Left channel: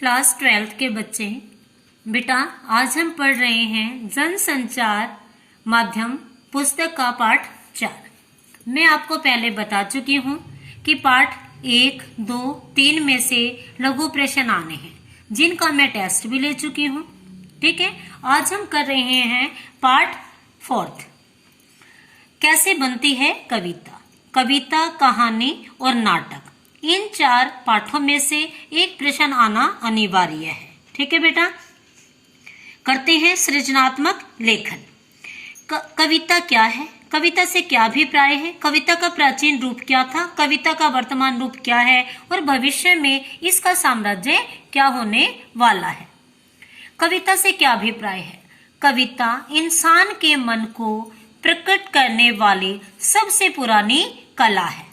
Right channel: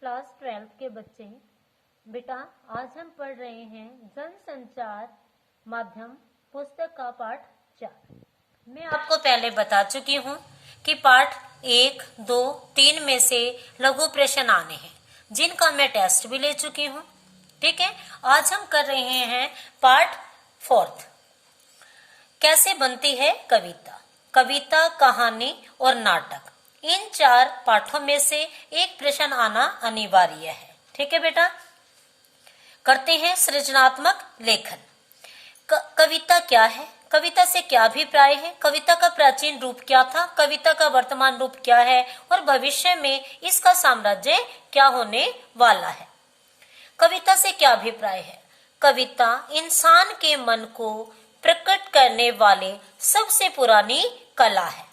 Class 12th के बच्चे, बेटा आज हम पढ़ रहे हैं जनसंचार माध्यम पुस्तक का पाठ 4। मैं आपको पहले बता चुकी हूँ कि पाठ 1, 2, 3 में से लघु प्रश्न आने हैं जिनका मैं टेस्ट भी ले चुकी हूँ। ठीक है, आज हम कर रहे हैं पाठ 4। कैसे बनती है कविता, कविता, कहानी और नाटक। इन 4 पाठों में से एक प्रश्न आना अनिवार्य है। ठीक है बेटा, करते हैं सृजनात्मक लेखन। कविता क्या है, कविता से क्या अभिप्राय है, कविता का प्राचीन रूप क्या था, कविता का वर्तमान रूप क्या है और भविष्य में इसका साम्राज्य क्या होने वाला है। कविता से क्या अभिप्राय है? कविता इंसान के मन को प्रकट करने वाली सबसे पुरानी कला है।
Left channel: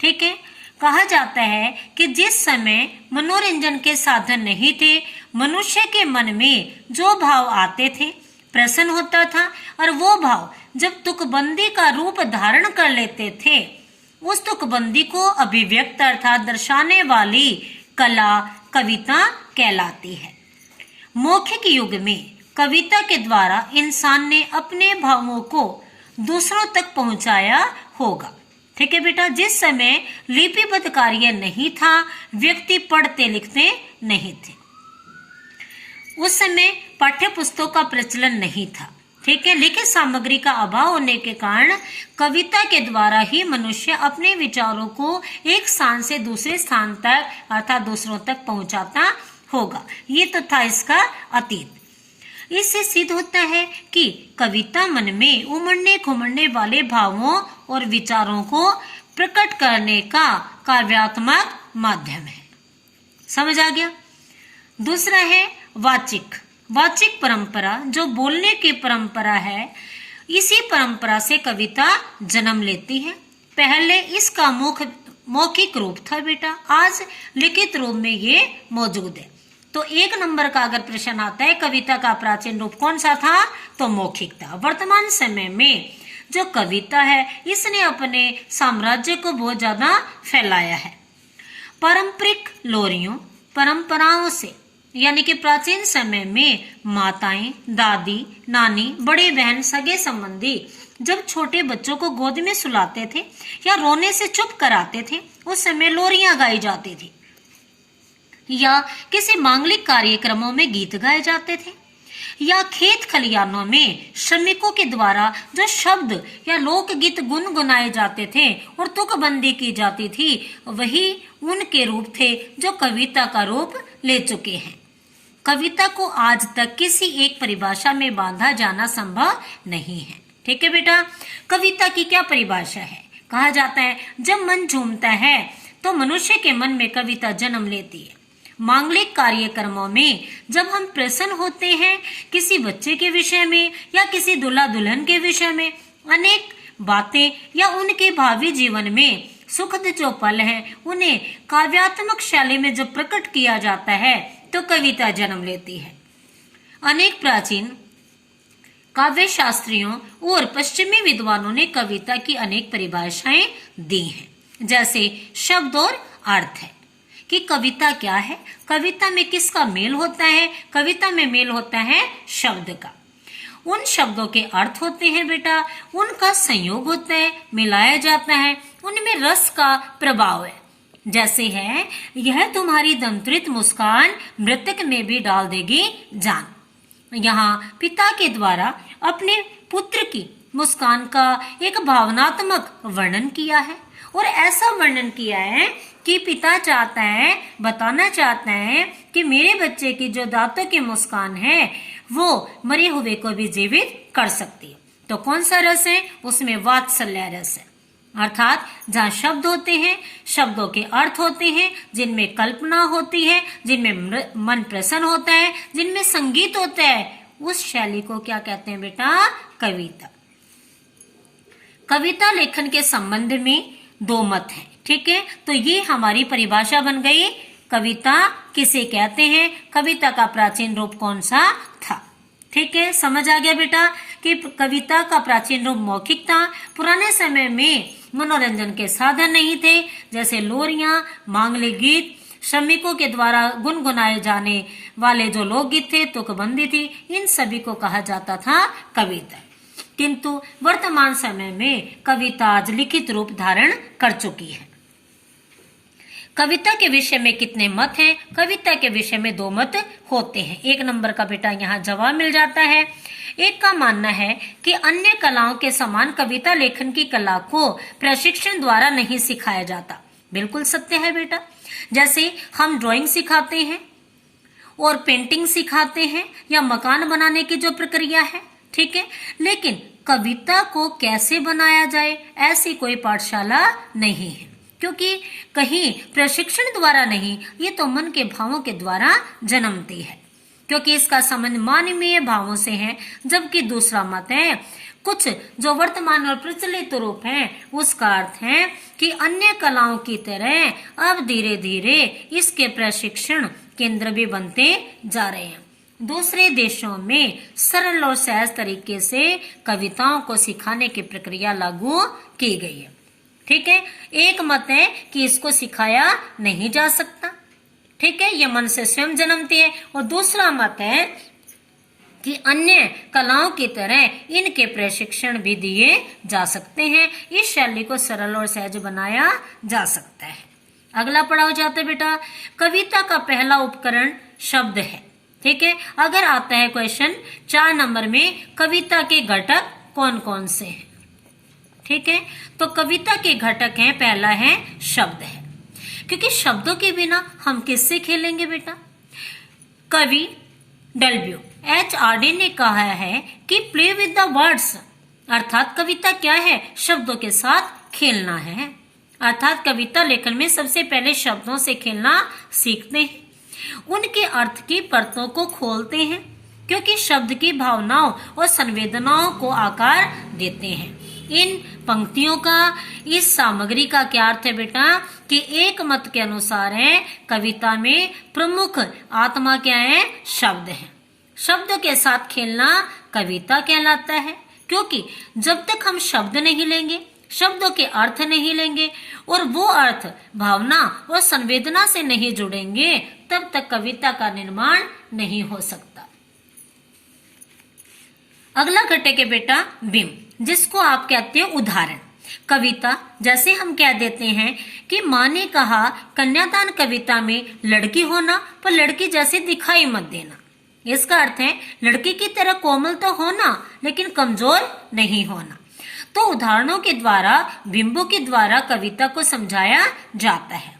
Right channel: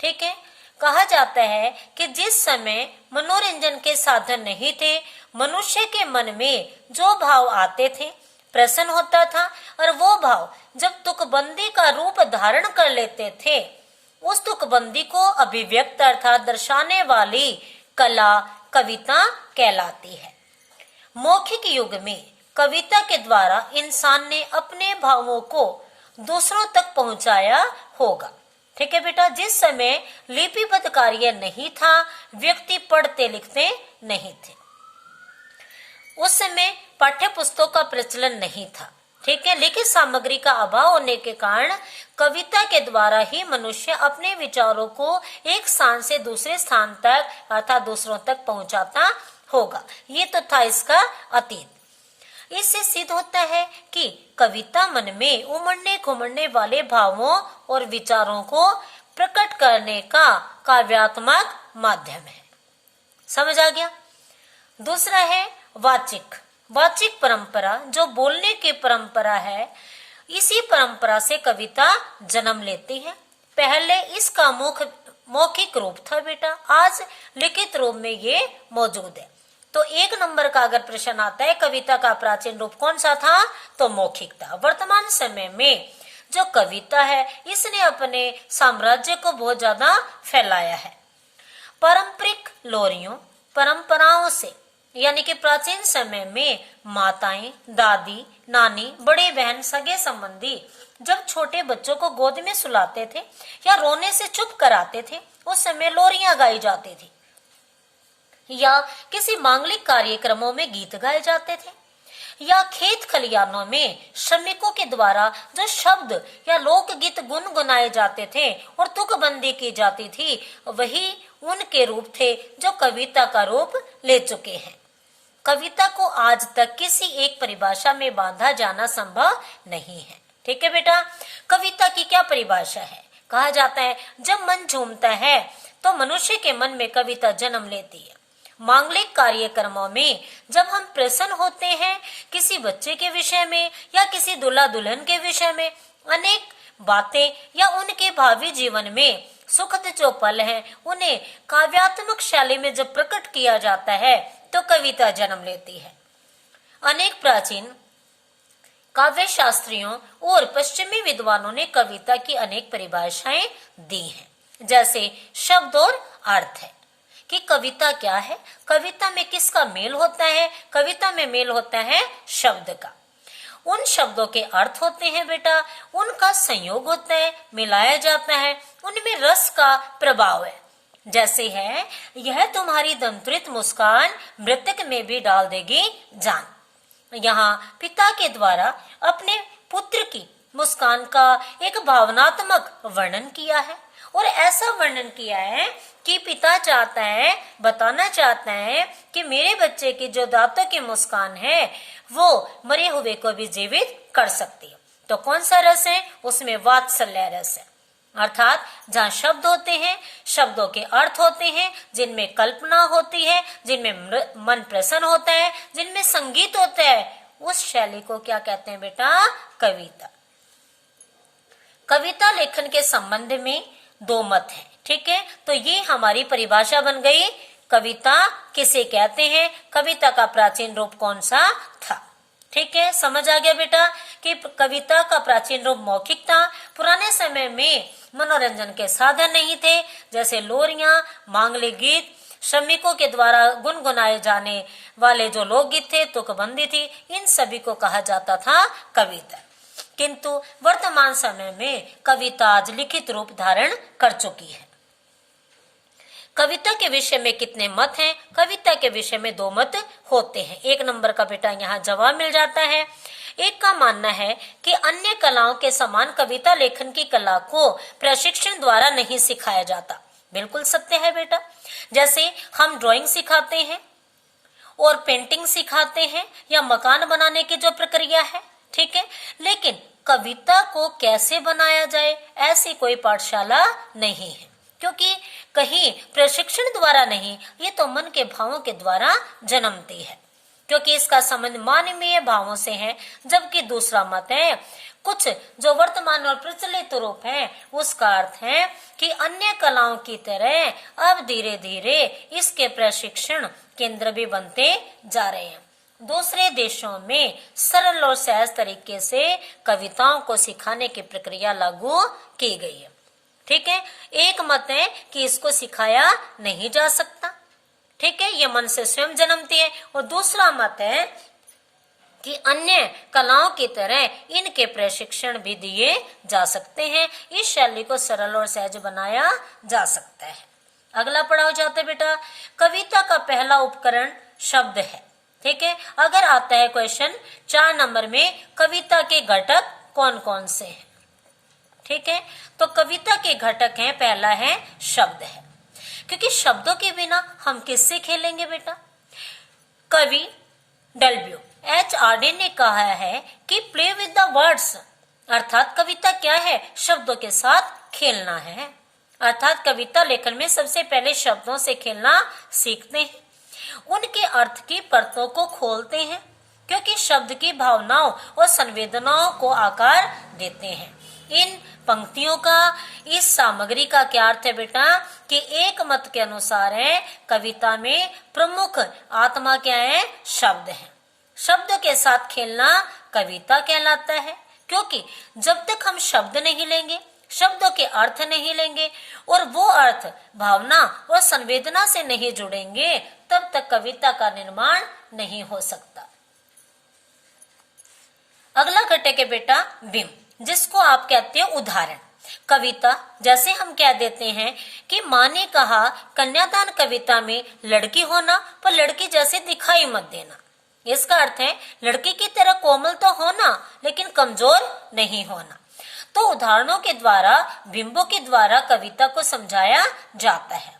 ठीक है, कहा जाता है कि जिस समय मनोरंजन के साधन नहीं थे, मनुष्य के मन में जो भाव आते थे प्रसन्न होता था, और वो भाव जब तुकबंदी का रूप धारण कर लेते थे, उस तुकबंदी को अभिव्यक्त अर्थात दर्शाने वाली कला कविता कहलाती है। मौखिक युग में कविता के द्वारा इंसान ने अपने भावों को दूसरों तक पहुंचाया होगा। ठीक है बेटा, जिस समय लिपिबद्ध कार्य नहीं था, व्यक्ति पढ़ते लिखते नहीं थे, उस समय पाठ्य पुस्तकों का प्रचलन नहीं था। ठीक है, लिखित सामग्री का अभाव होने के कारण कविता के द्वारा ही मनुष्य अपने विचारों को एक स्थान से दूसरे स्थान तक अर्थात दूसरों तक पहुंचाता होगा। ये तो था इसका अतीत। इससे सिद्ध होता है कि कविता मन में उमड़ने घुमड़ने वाले भावों और विचारों को प्रकट करने का काव्यात्मक माध्यम है। समझ आ गया? दूसरा है वाचिक। वाचिक परंपरा जो बोलने की परंपरा है, इसी परंपरा से कविता जन्म लेती है। पहले इसका मौखिक रूप था बेटा, आज लिखित रूप में ये मौजूद है। तो 1 नंबर का अगर प्रश्न आता है कविता का प्राचीन रूप कौन सा था, तो मौखिक था। वर्तमान समय में जो कविता है, इसने अपने साम्राज्य को बहुत ज्यादा फैलाया है। पारंपरिक लोरियों परंपराओं से, यानी कि प्राचीन समय में माताएं, दादी, नानी, बड़े बहन, सगे संबंधी जब छोटे बच्चों को गोद में सुलाते थे या रोने से चुप कराते थे, उस समय लोरियां गाई जाती थी, या किसी मांगलिक कार्यक्रमों में गीत गाए जाते थे, या खेत खलियानों में श्रमिकों के द्वारा जो शब्द या लोकगीत गुनगुनाए जाते थे और तुकबंदी की जाती थी, वही उनके रूप थे जो कविता का रूप ले चुके हैं। कविता को आज तक किसी एक परिभाषा में बांधा जाना संभव नहीं है। ठीक है बेटा, कविता की क्या परिभाषा है? कहा जाता है जब मन झूमता है तो मनुष्य के मन में कविता जन्म लेती है। मांगलिक कार्यक्रमों में जब हम प्रसन्न होते हैं किसी बच्चे के विषय में या किसी दूल्हा दुल्हन के विषय में, अनेक बातें या उनके भावी जीवन में सुखद जो पल हैं, उन्हें काव्यात्मक शैली में जब प्रकट किया जाता है तो कविता जन्म लेती है। अनेक प्राचीन काव्य शास्त्रियों और पश्चिमी विद्वानों ने कविता की अनेक परिभाषाएं दी हैं, जैसे शब्द और अर्थ है कि कविता क्या है, कविता में किसका मेल होता है? कविता में मेल होता है शब्द का। उन शब्दों के अर्थ होते हैं बेटा, उनका संयोग होता है, मिलाया जाता है, उनमें रस का प्रभाव है। जैसे है, यह तुम्हारी दंत्रित मुस्कान मृतक में भी डाल देगी जान। यहाँ पिता के द्वारा अपने पुत्र की मुस्कान का एक भावनात्मक वर्णन किया है, और ऐसा वर्णन किया है कि पिता चाहता है, बताना चाहता है कि मेरे बच्चे की जो दांतों की मुस्कान है वो मरे हुए को भी जीवित कर सकती है। तो कौन सा रस है? उसमें वात्सल्य रस है, अर्थात जहाँ शब्द होते हैं, शब्दों के अर्थ होते हैं, जिनमें कल्पना होती है, जिनमें मन प्रसन्न होता है, जिनमें संगीत होता है, उस शैली को क्या कहते हैं बेटा? कविता। कविता लेखन के संबंध में 2 मत हैं। ठीक है, तो ये हमारी परिभाषा बन गई। कविता किसे कहते हैं, कविता का प्राचीन रूप कौन सा था। ठीक है, समझ आ गया बेटा कि कविता का प्राचीन रूप मौखिक था। पुराने समय में मनोरंजन के साधन नहीं थे, जैसे लोरियां, मांगलिक गीत, श्रमिकों के द्वारा गुनगुनाए जाने वाले जो लोकगीत थे, तुकबंदी थी, इन सभी को कहा जाता था कविता। किंतु वर्तमान समय में कविता आज लिखित रूप धारण कर चुकी है। कविता के विषय में कितने मत हैं? कविता के विषय में 2 मत होते हैं। 1 नंबर का बेटा यहाँ जवाब मिल जाता है। एक का मानना है कि अन्य कलाओं के समान कविता लेखन की कला को प्रशिक्षण द्वारा नहीं सिखाया जाता। बिल्कुल सत्य है बेटा। जैसे हम ड्राइंग सिखाते हैं और पेंटिंग सिखाते हैं या मकान बनाने की जो प्रक्रिया है, ठीक है, लेकिन कविता को कैसे बनाया जाए ऐसी कोई पाठशाला नहीं है, क्योंकि कहीं प्रशिक्षण द्वारा नहीं, ये तो मन के भावों के द्वारा जन्मती है, क्योंकि इसका संबंध मानवीय भावों से है। जबकि दूसरा मत है, कुछ जो वर्तमान और प्रचलित रूप है, उसका अर्थ है कि अन्य कलाओं की तरह अब धीरे धीरे इसके प्रशिक्षण केंद्र भी बनते जा रहे हैं। दूसरे देशों में सरल और सहज तरीके से कविताओं को सिखाने की प्रक्रिया लागू की गई है, ठीक है। एक मत है कि इसको सिखाया नहीं जा सकता, ठीक है, ये मन से स्वयं जन्मती है। और दूसरा मत है कि अन्य कलाओं की तरह इनके प्रशिक्षण भी दिए जा सकते हैं, इस शैली को सरल और सहज बनाया जा सकता है। अगला पढ़ाओ जाते बेटा, कविता का पहला उपकरण शब्द है, ठीक है। अगर आता है क्वेश्चन 4 नंबर में, कविता के घटक कौन कौन से हैं, ठीक है, तो कविता के घटक हैं, पहला है शब्द है, क्योंकि शब्दों के बिना हम किससे खेलेंगे बेटा। कवि WH ने कहा है कि प्ले विद द वर्ड्स, अर्थात कविता क्या है, शब्दों के साथ खेलना है। अर्थात कविता लेखन में सबसे पहले शब्दों से खेलना सीखते हैं, उनके अर्थ की परतों को खोलते हैं, क्योंकि शब्द की भावनाओं और संवेदनाओं को आकार देते हैं। इन पंक्तियों का, इस सामग्री का क्या अर्थ है बेटा कि एक मत के अनुसार है कविता में प्रमुख आत्मा क्या है, शब्द है। शब्दों के साथ खेलना कविता कहलाता है, क्योंकि जब तक हम शब्द नहीं लेंगे, शब्दों के अर्थ नहीं लेंगे और वो अर्थ भावना और संवेदना से नहीं जुड़ेंगे, तब तक कविता का निर्माण नहीं हो सकता। अगला घटक है बेटा बिंब, जिसको आप कहते हैं उदाहरण। कविता, जैसे हम कह देते हैं कि माँ ने कहा कन्यादान कविता में लड़की होना पर लड़की जैसे दिखाई मत देना। इसका अर्थ है लड़की की तरह कोमल तो होना, लेकिन कमजोर नहीं होना। तो उदाहरणों के द्वारा, बिंबों के द्वारा कविता को समझाया जाता है।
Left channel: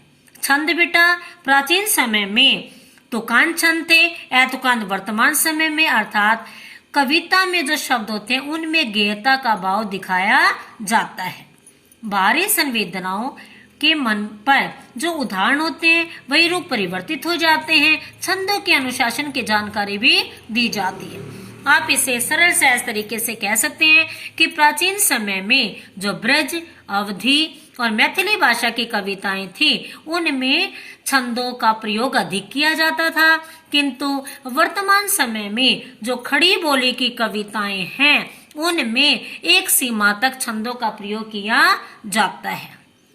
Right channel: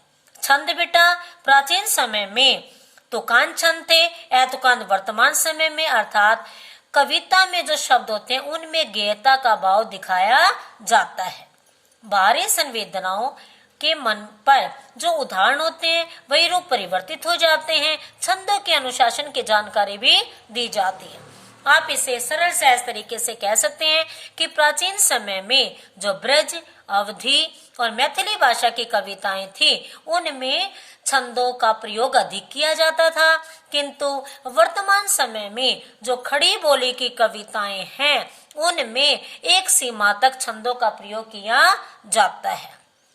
छंद बेटा, प्राचीन समय में तुकान छंद थे, तुकान वर्तमान समय में, अर्थात कविता में जो शब्द होते हैं उनमें गेयता का भाव दिखाया जाता है। बाहरी संवेदनाओं के मन पर जो उदाहरण होते हैं वही रूप परिवर्तित हो जाते हैं। छंदों के अनुशासन की जानकारी भी दी जाती है। आप इसे सरल सहज तरीके से कह सकते हैं कि प्राचीन समय में जो ब्रज, अवधी और मैथिली भाषा की कविताएं थी, उनमें छंदों का प्रयोग अधिक किया जाता था, किंतु वर्तमान समय में जो खड़ी बोली की कविताएं हैं, उनमें एक सीमा तक छंदों का प्रयोग किया जाता है।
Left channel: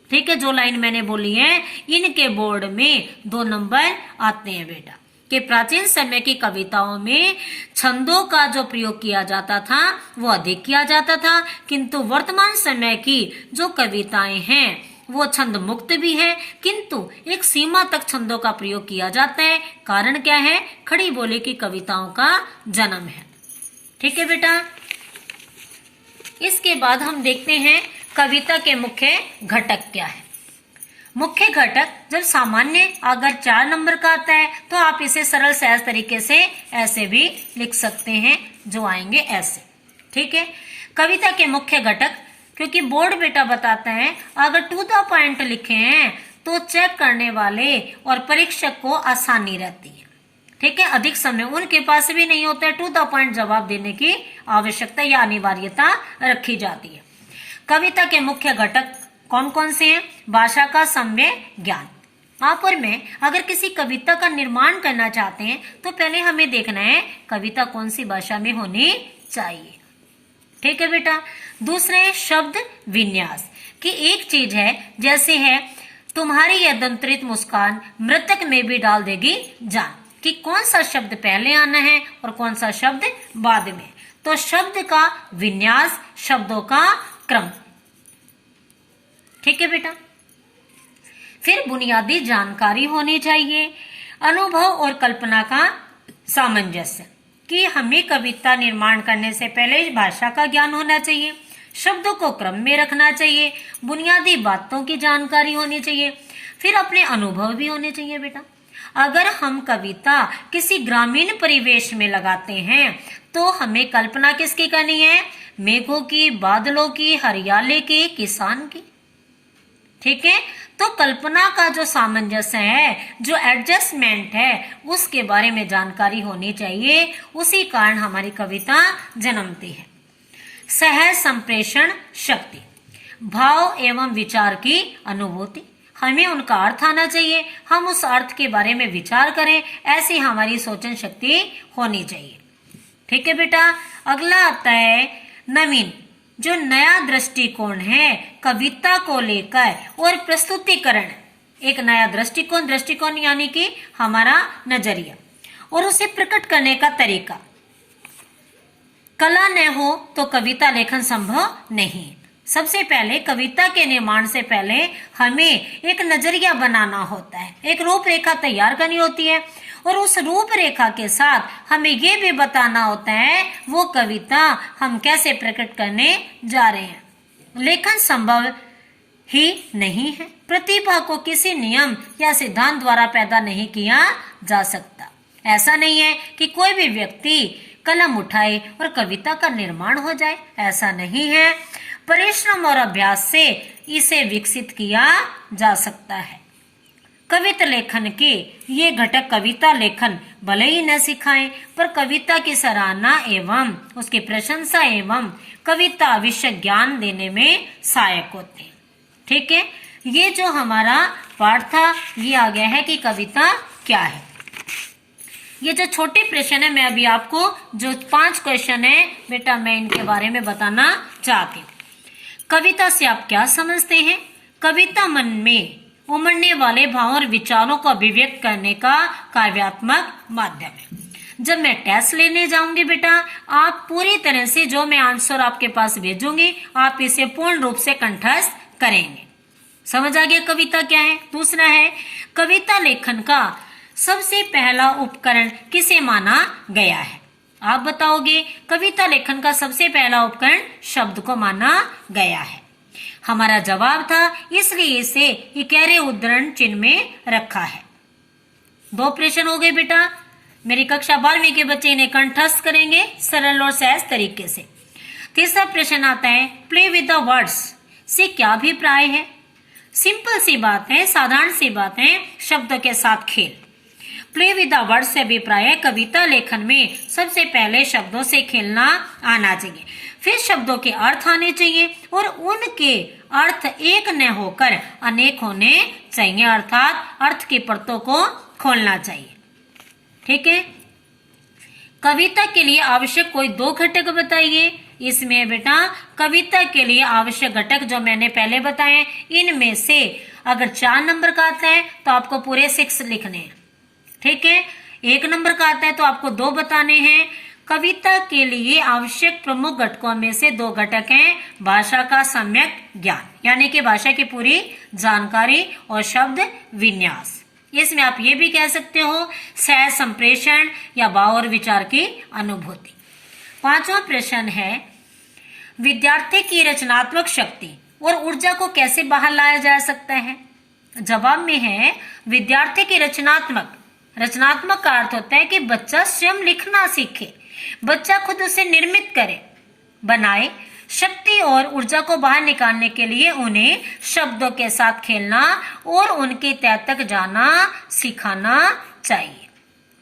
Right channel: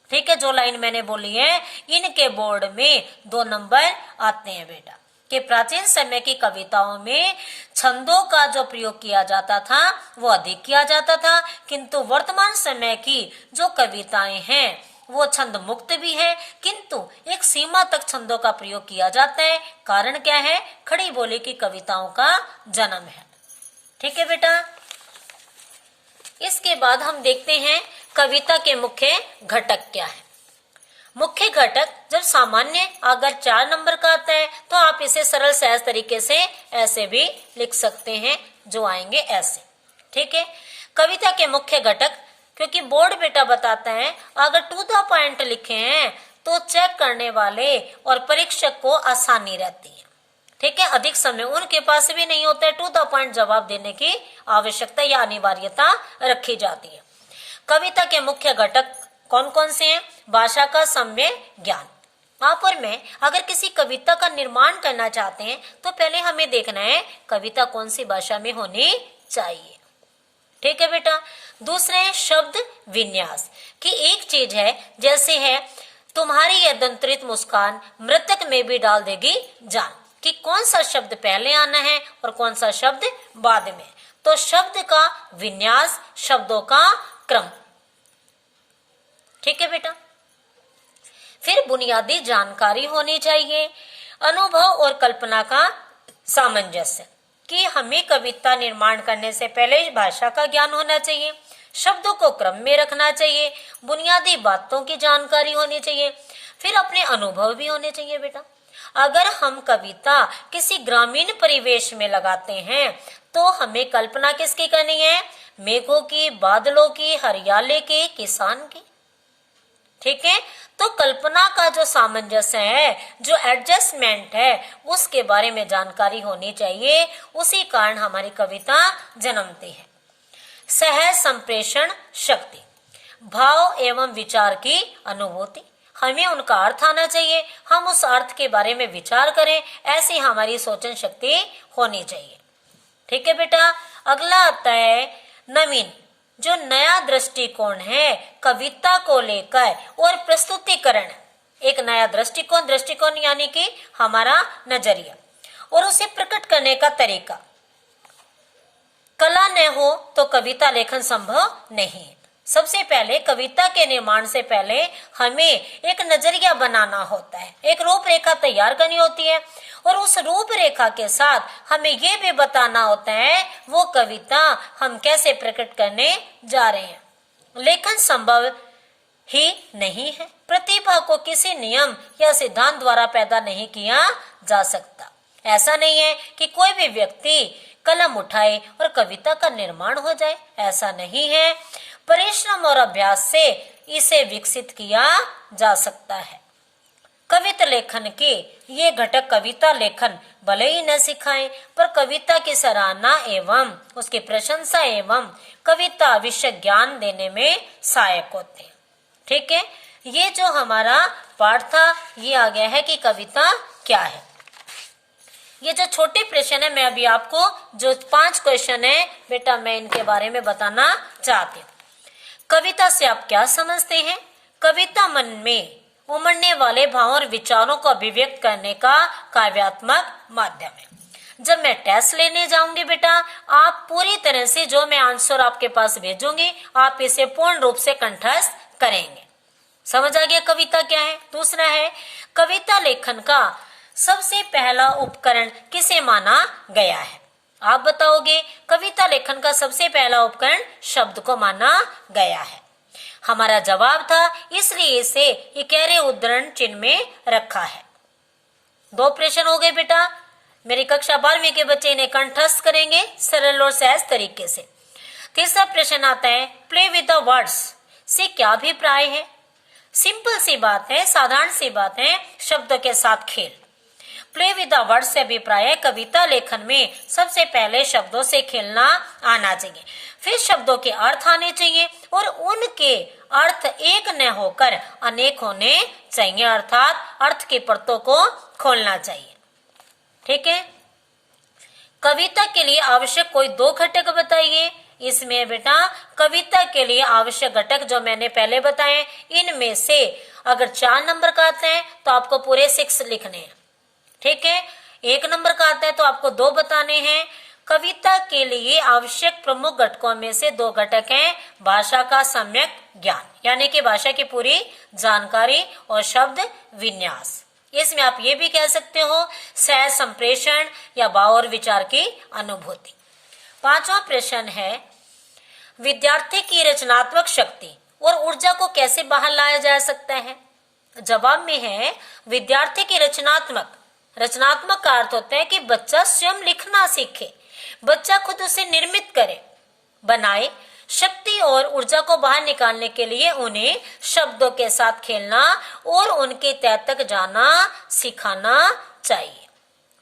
ठीक है, जो लाइन मैंने बोली है, इनके बोर्ड में 2 नंबर आते हैं बेटा, कि प्राचीन समय की कविताओं में छंदों का जो प्रयोग किया जाता था वो अधिक किया जाता था, किंतु वर्तमान समय की जो कविताएं हैं वो छंद मुक्त भी है, किंतु एक सीमा तक छंदों का प्रयोग किया जाता है। कारण क्या है? खड़ी बोली की कविताओं का जन्म है। ठीक है बेटा, इसके बाद हम देखते हैं कविता के मुख्य घटक क्या है। मुख्य घटक जब सामान्य अगर 4 नंबर का आता है तो आप इसे सरल सहज तरीके से ऐसे भी लिख सकते हैं, जो आएंगे ऐसे। ठीक है, कविता के मुख्य घटक, क्योंकि बोर्ड बेटा बताता है अगर टू द पॉइंट लिखे हैं तो चेक करने वाले और परीक्षक को आसानी रहती है। ठीक है, अधिक समय उनके पास भी नहीं होता है, टू द पॉइंट जवाब देने की आवश्यकता या अनिवार्यता रखी जाती है। कविता के मुख्य घटक कौन कौन से हैं? भाषा का सम्य ज्ञान। आप और मैं अगर किसी कविता का निर्माण करना चाहते हैं तो पहले हमें देखना है कविता कौन सी भाषा में होनी चाहिए। ठीक है बेटा, दूसरे शब्द विन्यास, कि एक चीज है जैसे है तुम्हारी यह दंतरित मुस्कान मृतक में भी डाल देगी जान। कि कौन सा शब्द पहले आना है और कौन सा शब्द बाद में। तो शब्द का विन्यास, शब्दों का क्रम। ठीक है बेटा। फिर बुनियादी जानकारी होनी चाहिए, अनुभव और कल्पना का सामंजस्य। कि हमें कविता निर्माण करने से पहले भाषा का ज्ञान होना चाहिए, शब्दों को क्रम में रखना चाहिए, बुनियादी बातों की जानकारी होनी चाहिए, फिर अपने अनुभव भी होने चाहिए बेटा। अगर हम कविता किसी ग्रामीण परिवेश में लगाते हैं तो हमें कल्पना किसकी करनी है? मेघों की, बादलों की, हरियाली की, किसान की। ठीक है। तो कल्पना का जो सामंजस्य है, जो एडजस्टमेंट है, उसके बारे में जानकारी होनी चाहिए। उसी कारण हमारी कविता जन्मती है। सहज संप्रेषण शक्ति, भाव एवं विचार की अनुभूति। हमें उनका अर्थ आना चाहिए, हम उस अर्थ के बारे में विचार करें, ऐसी हमारी सोचन शक्ति होनी चाहिए। ठीक है बेटा। अगला आता है नवीन, जो नया दृष्टिकोण है कविता को लेकर और प्रस्तुतिकरण। एक नया दृष्टिकोण यानी कि हमारा नजरिया और उसे प्रकट करने का तरीका। कला न हो तो कविता लेखन संभव नहीं है। सबसे पहले कविता के निर्माण से पहले हमें एक नजरिया बनाना होता है, एक रूपरेखा तैयार करनी होती है और उस रूपरेखा के साथ हमें ये भी बताना होता है वो कविता हम कैसे प्रकट करने जा रहे हैं। लेखन संभव ही नहीं है। प्रतिभा को किसी नियम या सिद्धांत द्वारा पैदा नहीं किया जा सकता। ऐसा नहीं है कि कोई भी व्यक्ति कलम उठाए और कविता का निर्माण हो जाए, ऐसा नहीं है। परिश्रम और अभ्यास से इसे विकसित किया जा सकता है। कविता लेखन के ये घटक कविता लेखन भले ही न सिखाएं, पर कविता की सराहना एवं उसकी प्रशंसा एवं कविता विषय ज्ञान देने में सहायक होते हैं। ठीक है। ये जो हमारा पाठ था ये आ गया है कि कविता क्या है। ये जो छोटे प्रश्न है, मैं अभी आपको जो 5 क्वेश्चन है बेटा मैं इनके बारे में बताना चाहती हूँ। कविता से आप क्या समझते हैं? कविता मन में उमड़ने वाले भावों और विचारों को अभिव्यक्त करने का काव्यात्मक माध्यम है। जब मैं टेस्ट लेने जाऊंगी बेटा, आप पूरी तरह से जो मैं आंसर आपके पास भेजूंगी आप इसे पूर्ण रूप से कंठस्थ करेंगे। समझ आ गया कविता क्या है? दूसरा है कविता लेखन का सबसे पहला उपकरण किसे माना गया है? आप बताओगे। कविता लेखन का सबसे पहला उपकरण शब्द को माना गया है। हमारा जवाब था इसलिए इसे इकहरे उद्धरण चिन्ह में रखा है। 2 प्रश्न हो गए बेटा। मेरी कक्षा 12वीं के बच्चे इन्हें कंठस्थ करेंगे सरल और सहज तरीके से। तीसरा प्रश्न आता है प्ले विद द वर्ड्स से क्या अभिप्राय है? सिंपल सी बात है, साधारण सी बात है, शब्द के साथ खेल। प्ले विद द वर्ड्स से अभिप्राय है कविता लेखन में सबसे पहले शब्दों से खेलना आना चाहिए, फिर शब्दों के अर्थ आने चाहिए और उनके अर्थ एक न होकर अनेक होने चाहिए, अर्थात अर्थ की परतों को खोलना चाहिए। ठीक है। कविता के लिए आवश्यक कोई 2 घटक बताइए। इसमें बेटा कविता के लिए आवश्यक घटक जो मैंने पहले बताए, इनमें से अगर 4 नंबर का आता है तो आपको पूरे 6 लिखने हैं। ठीक है। 1 नंबर का आता है तो आपको 2 बताने हैं। कविता के लिए आवश्यक प्रमुख घटकों में से 2 घटक हैं भाषा का सम्यक ज्ञान, यानी कि भाषा की पूरी जानकारी और शब्द विन्यास। इसमें आप ये भी कह सकते हो सहज संप्रेषण या भाव और विचार की अनुभूति। 5वां प्रश्न है विद्यार्थी की रचनात्मक शक्ति और ऊर्जा को कैसे बाहर लाया जा सकता है? जवाब में है विद्यार्थी की रचनात्मक का अर्थ होता है कि बच्चा स्वयं लिखना सीखे, बच्चा खुद उसे निर्मित करे, बनाए। शक्ति और ऊर्जा को बाहर निकालने के लिए उन्हें शब्दों के साथ खेलना और उनकी तह तक जाना सिखाना चाहिए।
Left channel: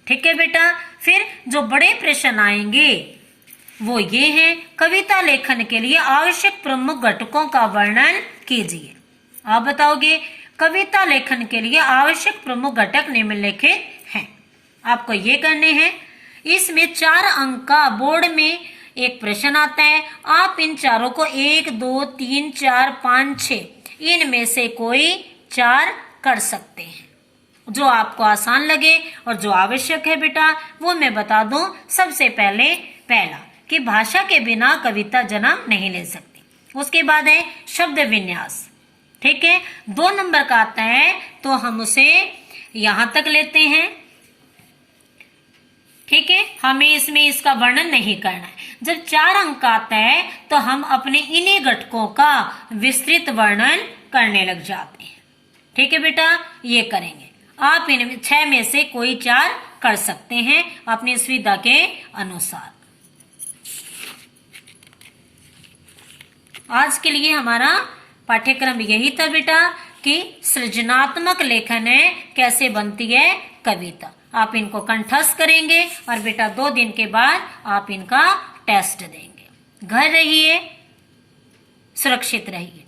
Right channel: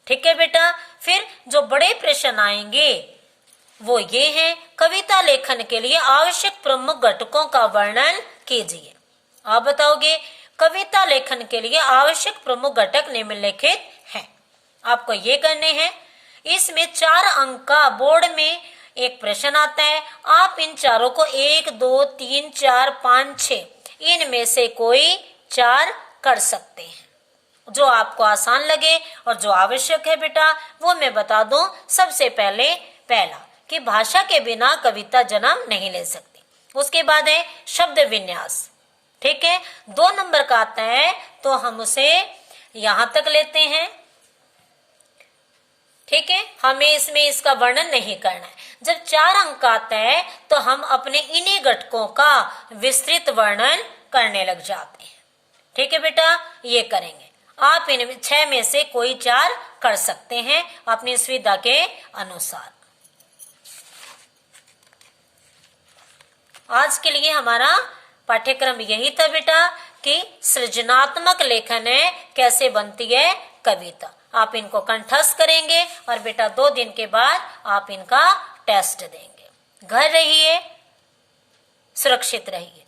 ठीक है बेटा। फिर जो बड़े प्रश्न आएंगे वो ये हैं कविता लेखन के लिए आवश्यक प्रमुख घटकों का वर्णन कीजिए। आप बताओगे कविता लेखन के लिए आवश्यक प्रमुख घटक निम्नलिखित हैं। आपको ये करने हैं। इसमें 4 अंक का बोर्ड में एक प्रश्न आता है, आप इन चारों को 1, 2, 3, 4, 5, 6 इनमें से कोई 4 कर सकते हैं। जो आपको आसान लगे और जो आवश्यक है बेटा वो मैं बता दूं। सबसे पहले पहला कि भाषा के बिना कविता जन्म नहीं ले सकती। उसके बाद है शब्द विन्यास। ठीक है, 2 नंबर का आता है तो हम उसे यहां तक लेते हैं। ठीक है, हमें इसमें इसका वर्णन नहीं करना है। जब 4 अंक आता है तो हम अपने इन्हीं घटकों का विस्तृत वर्णन करने लग जाते हैं। ठीक है बेटा, ये करेंगे। आप इन 6 में से कोई 4 कर सकते हैं अपनी सुविधा के अनुसार। आज के लिए हमारा पाठ्यक्रम यही था बेटा कि सृजनात्मक लेखन है कैसे बनती है कविता। आप इनको कंठस्थ करेंगे और बेटा 2 दिन के बाद आप इनका टेस्ट देंगे। घर रहिए, सुरक्षित रहिए।